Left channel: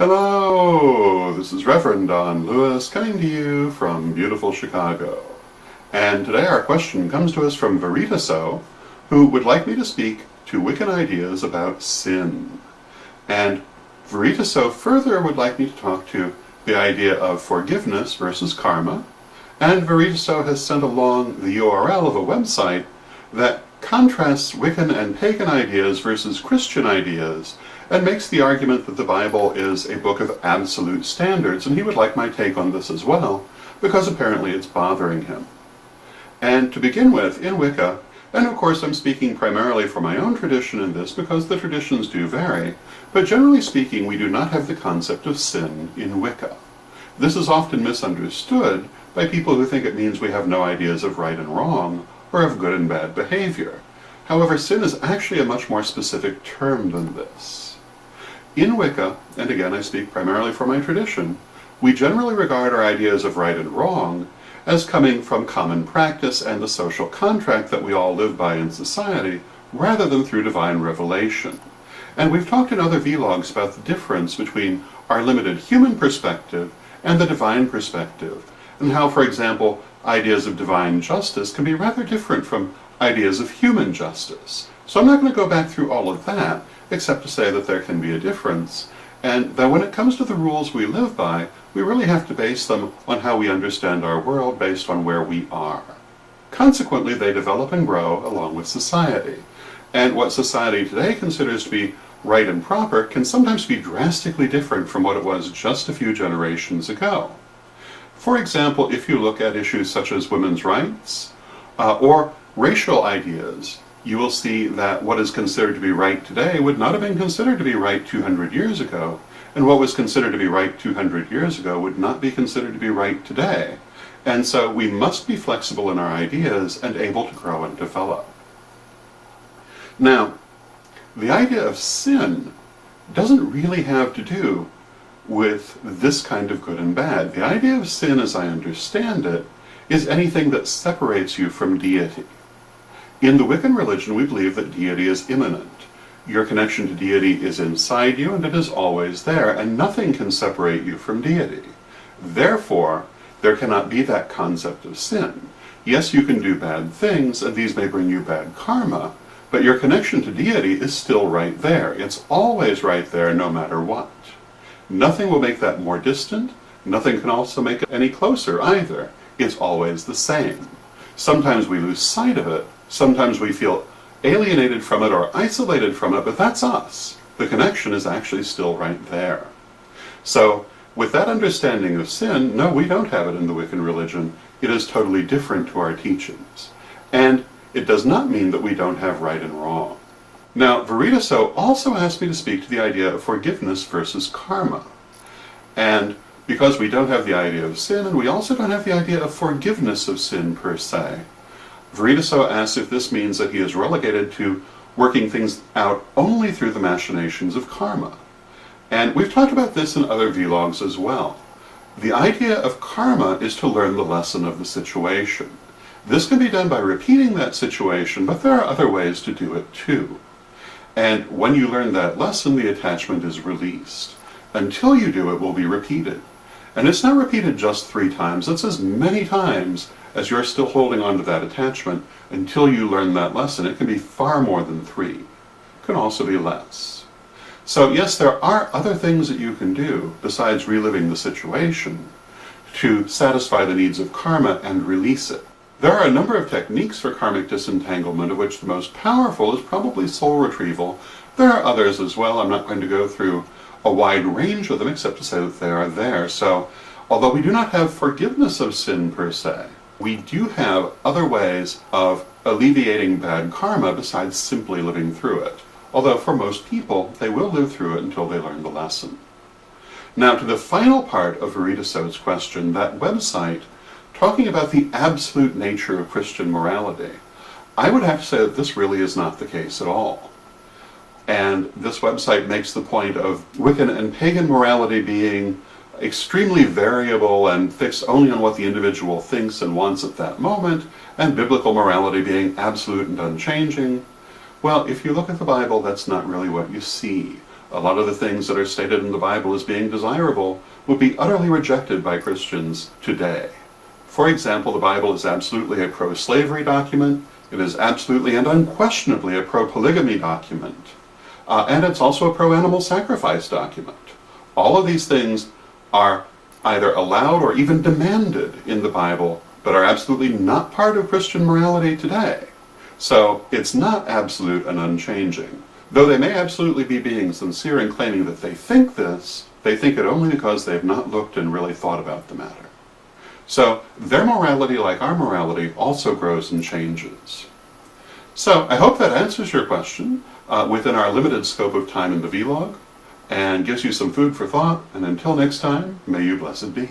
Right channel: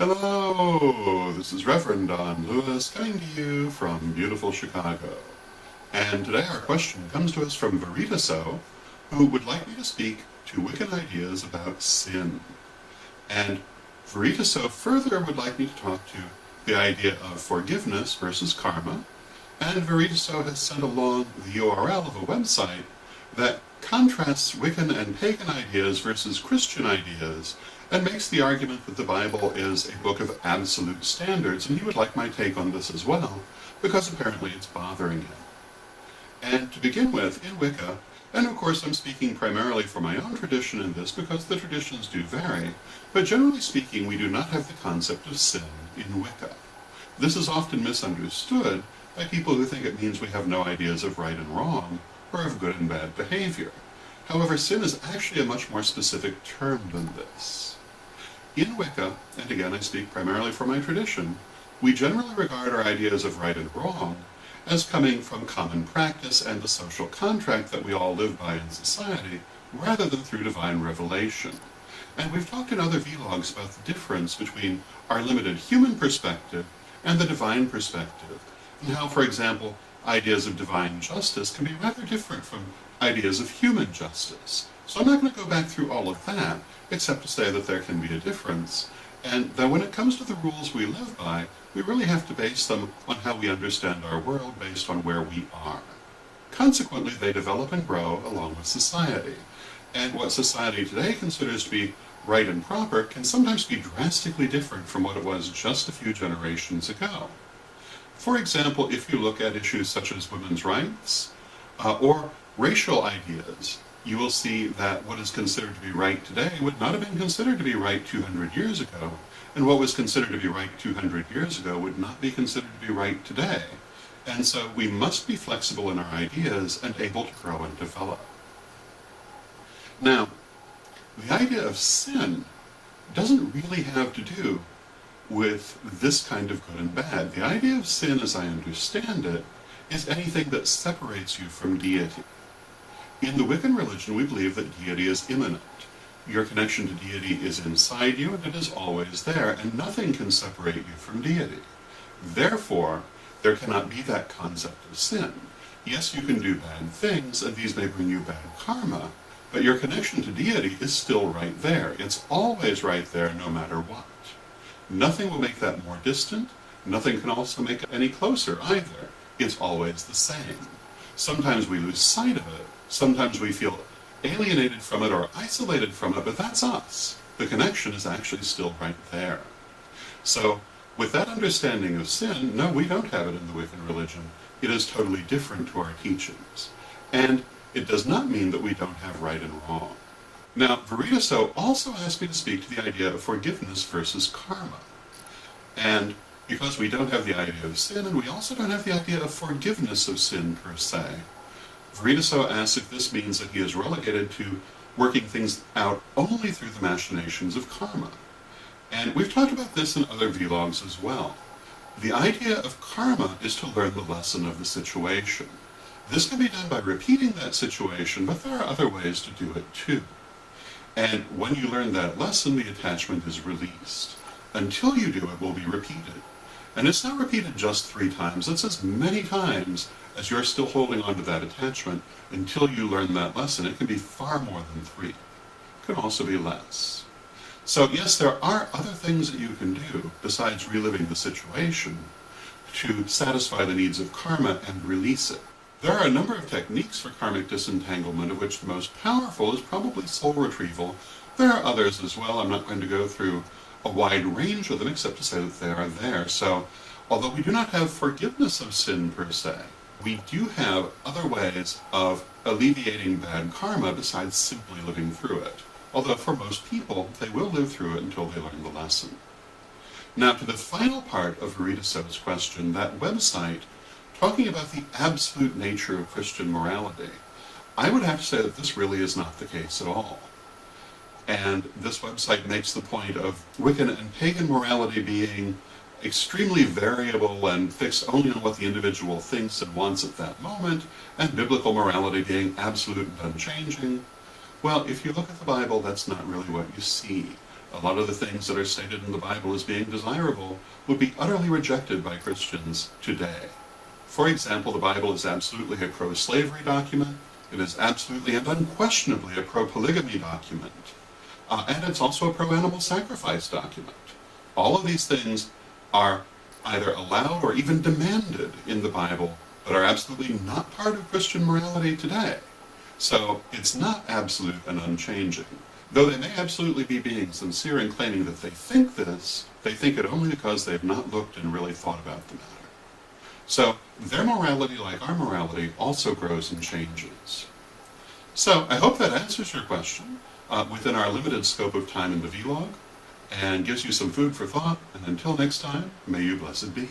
Hello, this is Rev Don Lewis coming to you from beautiful Chicago. And today our question comes to us from Veritaso, who would like me to speak to Wiccan ideas about sin. And Veritaso further would like me to talk to the idea of forgiveness versus karma. And Veritaso has sent along the URL of a website that contrasts Wiccan and pagan ideas versus Christian ideas, and makes the argument that the Bible is a book of absolute standards, and he would like my take on this as well, because apparently it's bothering him. And to begin with, in Wicca, and of course I'm speaking primarily for my own tradition in this because the traditions do vary, but generally speaking we do not have the concept of sin in Wicca. This is often misunderstood by people who think it means we have no ideas of right and wrong, or of good and bad behavior. However, sin is actually a much more specific term than this. In Wicca, and again I speak primarily for my tradition, we generally regard our ideas of right and wrong as coming from common practice and the social contract that we all live by in society, rather than through divine revelation. And we've talked in other vlogs about the difference between our limited human perspective and the divine perspective, and how, for example, ideas of divine justice can be rather different from ideas of human justice. So I'm not going to go back through all of that, except to say that there can be a difference, and that when it comes to the rules we live by, we really have to base them on how we understand our world based on where we are. Consequently, they develop and grow along with society. And what society today considers to be right and proper can sometimes be drastically different from what it was just a few generations ago. For example, if you look at issues such as women's rights or racial ideas, you will see that what is considered to be right today would not have been considered to be right 200 years ago, and what was considered to be right 200 years ago would not be considered to be right today. And so we must be flexible in our ideas and able to grow and develop. Now, the idea of sin doesn't really have to do with this kind of good and bad. The idea of sin, as I understand it, is anything that separates you from deity. In the Wiccan religion, we believe that deity is immanent. Your connection to deity is inside you, and it is always there, and nothing can separate you from deity. Therefore, there cannot be that concept of sin. Yes, you can do bad things, and these may bring you bad karma, but your connection to deity is still right there. It's always right there, no matter what. Nothing will make that more distant. Nothing can also make it any closer either. It's always the same. Sometimes we lose sight of it. Sometimes we feel alienated from it or isolated from it, but that's us. The connection is actually still right there. So, with that understanding of sin, no, we don't have it in the Wiccan religion. It is totally different to our teachings. And it does not mean that we don't have right and wrong. Now, Veritaso also asked me to speak to the idea of forgiveness versus karma. And because we don't have the idea of sin, and we also don't have the idea of forgiveness of sin per se, Veritaso asks if this means that he is relegated to working things out only through the machinations of karma. And we've talked about this in other vlogs as well. The idea of karma is to learn the lesson of the situation. This can be done by repeating that situation, but there are other ways to do it too. And when you learn that lesson, the attachment is released. Until you do, it will be repeated. And it's not repeated just 3 times, it's as many times as you're still holding on to that attachment until you learn that lesson. It can be far more than 3. It can also be less. So yes, there are other things that you can do besides reliving the situation to satisfy the needs of karma and release it. There are a number of techniques for karmic disentanglement, of which the most powerful is probably soul retrieval. There are others as well. I'm not going to go through a wide range of them except to say that they are there. So, although we do not have forgiveness of sin per se, we do have other ways of alleviating bad karma besides simply living through it. Although for most people, they will live through it until they learn the lesson. Now to the final part of Veritaso's question, that website talking about the absolute nature of Christian morality, I would have to say that this really is not the case at all. And this website makes the point of Wiccan and pagan morality being extremely variable and fixed only on what the individual thinks and wants at that moment, and biblical morality being absolute and unchanging. Well, if you look at the Bible, that's not really what you see. A lot of the things that are stated in the Bible as being desirable would be utterly rejected by Christians today. For example, the Bible is absolutely a pro-slavery document. It is absolutely and unquestionably a pro-polygamy document. And it's also a pro-animal sacrifice document. All of these things are either allowed or even demanded in the Bible, but are absolutely not part of Christian morality today. So it's not absolute and unchanging. Though they may absolutely be being sincere in claiming that they think this, they think it only because they've not looked and really thought about the matter. So their morality, like our morality, also grows and changes. So I hope that answers your question within our limited scope of time in the vlog, and gives you some food for thought, and until next time, may you blessed be.